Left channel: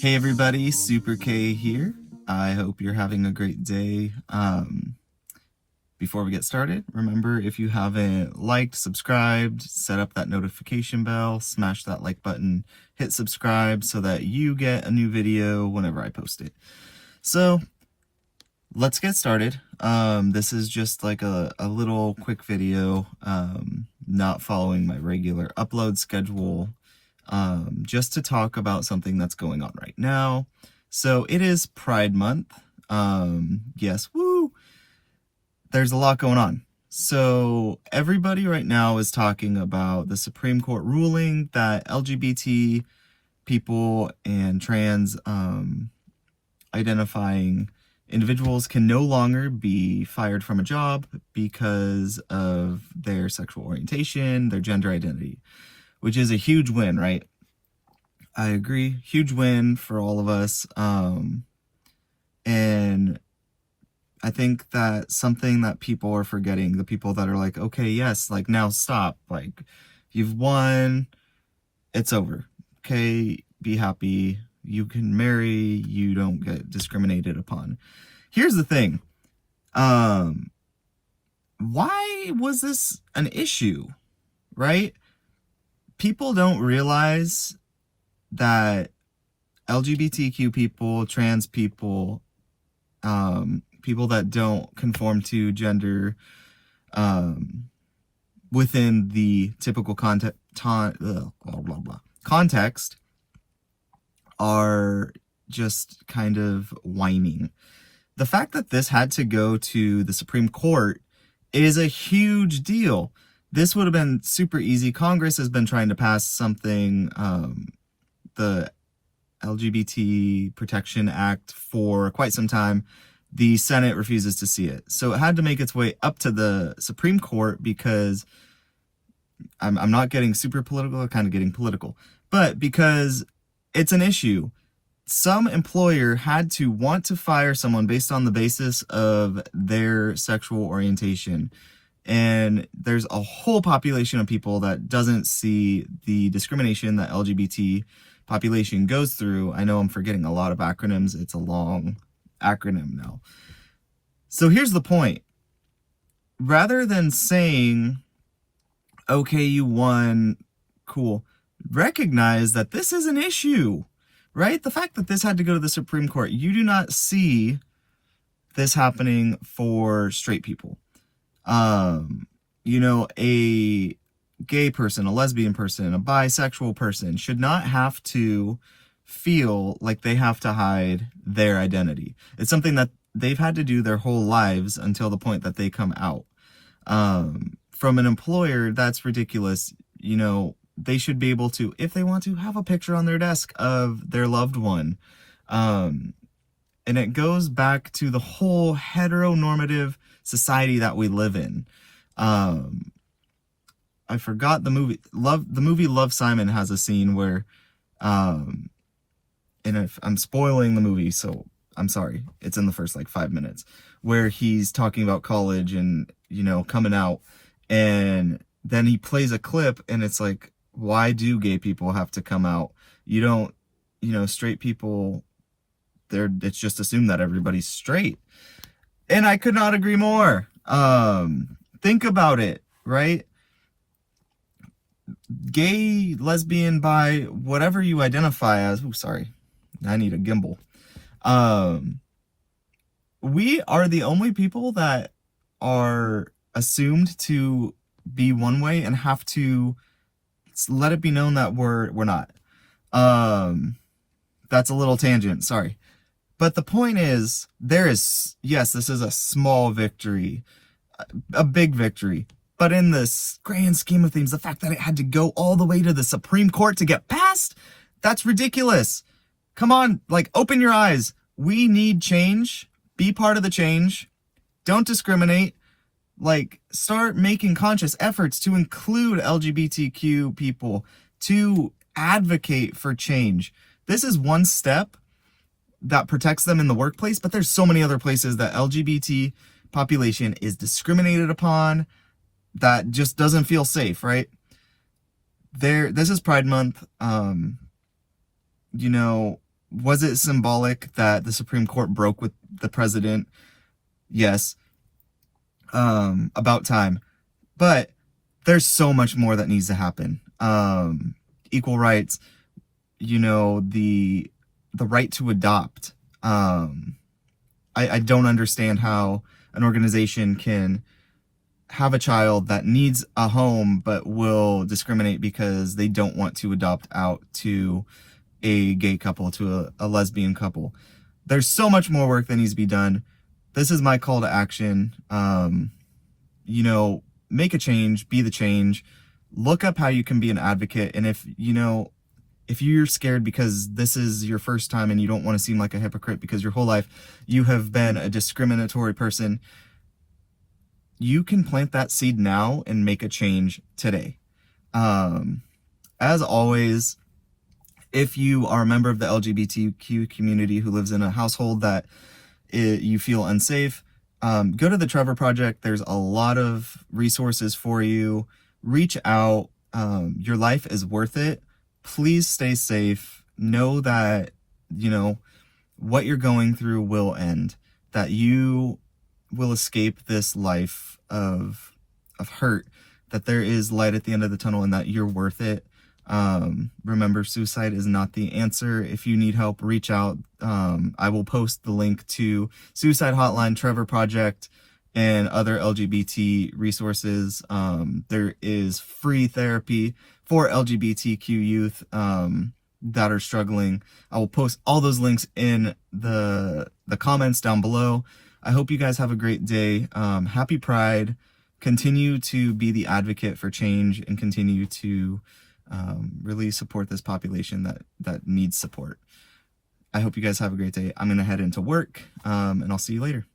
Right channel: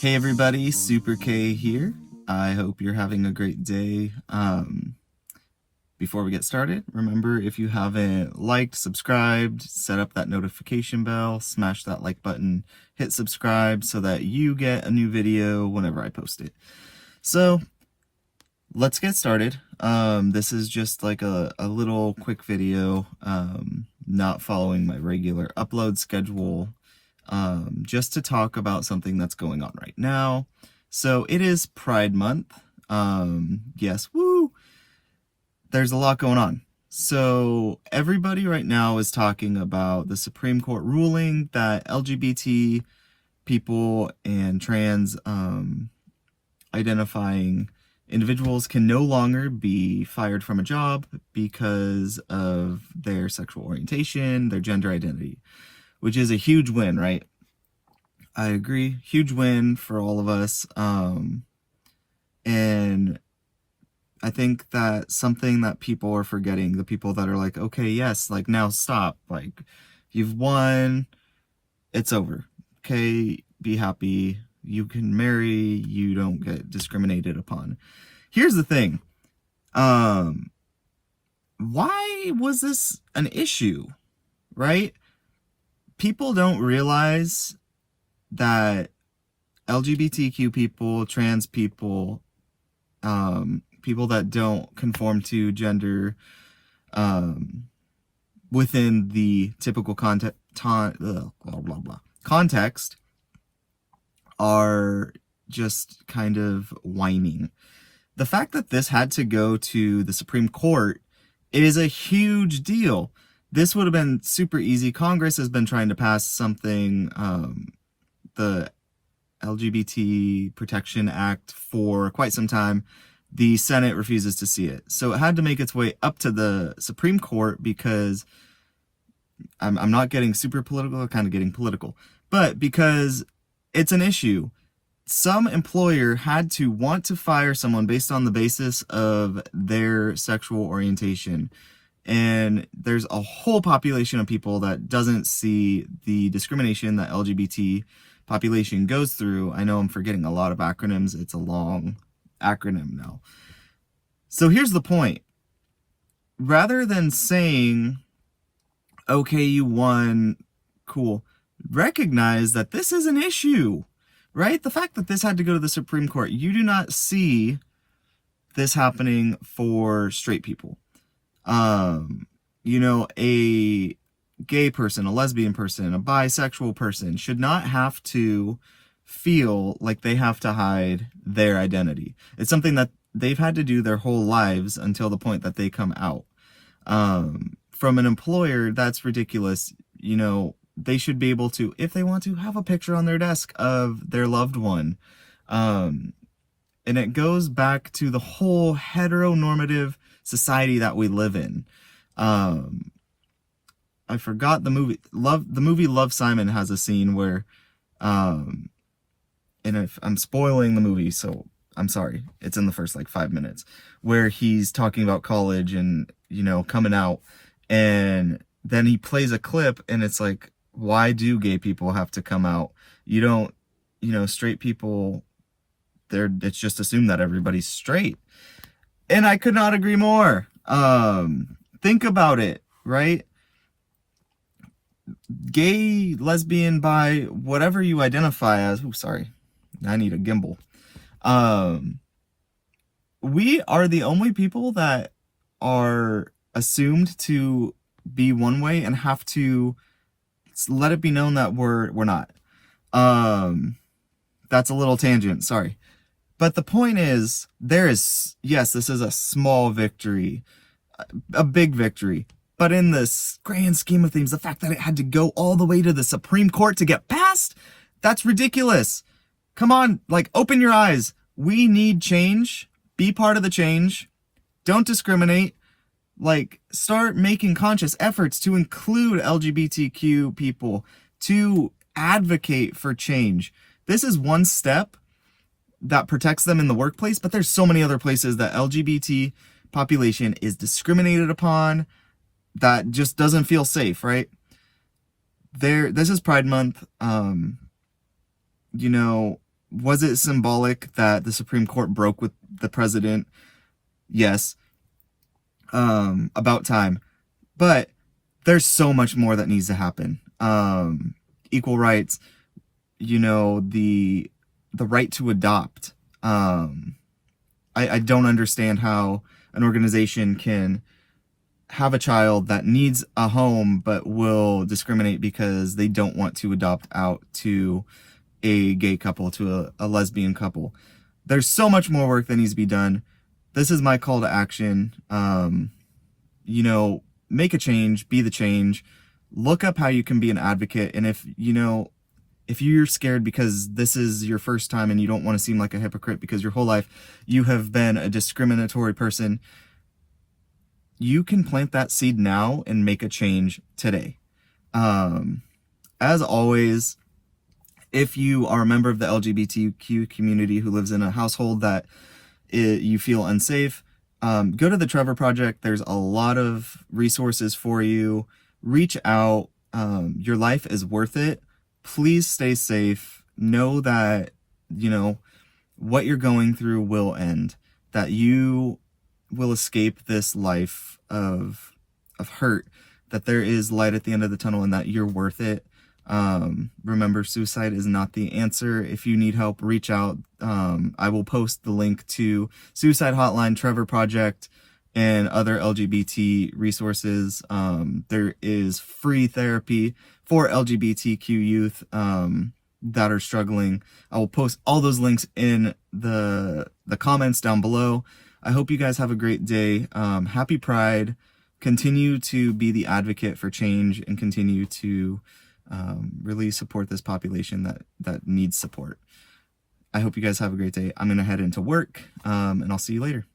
Hey everybody, Super K here. I hope you're having a great day. Before we get started, remember if you haven't liked, subscribed, set up that notification bell, smash that like button, hit subscribe so that you get a new video whenever I post it. So let's get started. This is just like a little quick video, not following my regular upload schedule. Just to talk about something that's going on right now. So it is Pride Month. Yes, woo! There's a lot going on. So everybody right now is talking about the Supreme Court ruling that LGBT people and trans identifying individuals can no longer be fired from a job because of their sexual orientation, their gender identity, which is a huge win, right? I agree. Huge win for all of us. And I think that something that people are forgetting, the people that are like, okay, yes, like now stop. Like, you've won. It's over. Okay, be happy. You can marry. You don't get discriminated upon. Here's the thing. Why was this an issue, right? People don't realize that LGBTQ people, trans people, people that don't conform to gender within the typical context are just kind of whining. The fact that this had to go to the Supreme Court is a huge deal. This would have been super easy. Congress has been trying to pass something, the LGBT Protection Act, for quite some time. The Senate refuses to see it. So it had to make its way up to the Supreme Court because I'm not getting super political, I'm kind of getting political, but because it's an issue. Some employer had to want to fire someone based on the basis of their sexual orientation. And there's a whole population of people that doesn't see the discrimination that LGBT population goes through. I know I'm forgetting a lot of acronyms. It's a long acronym now. So here's the point. Rather than saying, okay, you won, cool, recognize that this is an issue, right? The fact that this had to go to the Supreme Court, you do not see this happening for straight people. A gay person, a lesbian person, a bisexual person should not have to feel like they have to hide their identity. It's something that they've had to do their whole lives until the point that they come out. From an employer, that's ridiculous. They should be able to, if they want to, have a picture on their desk of their loved one. And it goes back to the whole heteronormative society that we live in. I forgot the movie. The movie Love, Simon has a scene where, and if I'm spoiling the movie, so I'm sorry. It's in the first 5 minutes where he's talking about college and, coming out, and then he plays a clip and it's like, why do gay people have to come out? You don't, straight people, it's just assumed that everybody's straight. And I could not agree more. Think about it, right? Gay, lesbian, bi, whatever you identify as. Oh, sorry. I need a gimbal. We are the only people that are assumed to be one way and have to let it be known that we're not. That's a little tangent, sorry. But the point is, this is a small victory, a big victory. But in this grand scheme of things, the fact that it had to go all the way to the Supreme Court to get passed, that's ridiculous. Come on, open your eyes. We need change. Be part of the change. Don't discriminate. Start making conscious efforts to include LGBTQ people, to advocate for change. This is one step that protects them in the workplace, but there's so many other places that LGBT population is discriminated upon that just doesn't feel safe, right? This is Pride Month. Was it symbolic that the Supreme Court broke with the president? Yes. About time. But there's so much more that needs to happen. Equal rights, the right to adopt. I don't understand how an organization can have a child that needs a home but will discriminate because they don't want to adopt out to a gay couple, to a lesbian couple. There's so much more work that needs to be done. This is my call to action. Make a change, be the change. Look up how you can be an advocate. And if you're scared because this is your first time and you don't want to seem like a hypocrite because your whole life you have been a discriminatory person, you can plant that seed now and make a change today. As always, if you are a member of the LGBTQ community who lives in a household that you feel unsafe, go to the Trevor Project. There's a lot of resources for you. Reach out. Your life is worth it. Please stay safe. Know that, what you're going through will end, that you will escape this life of hurt, that there is light at the end of the tunnel and that you're worth it. Remember, suicide is not the answer. If you need help, reach out. I will post the link to Suicide Hotline, Trevor Project, and other LGBT resources. There is free therapy for LGBTQ youth that are struggling. I will post all those links in the comments down below. I hope you guys have a great day. Happy Pride. Continue to be the advocate for change and continue to really support this population that needs support. I hope you guys have a great day. I'm going to head into work, and I'll see you later.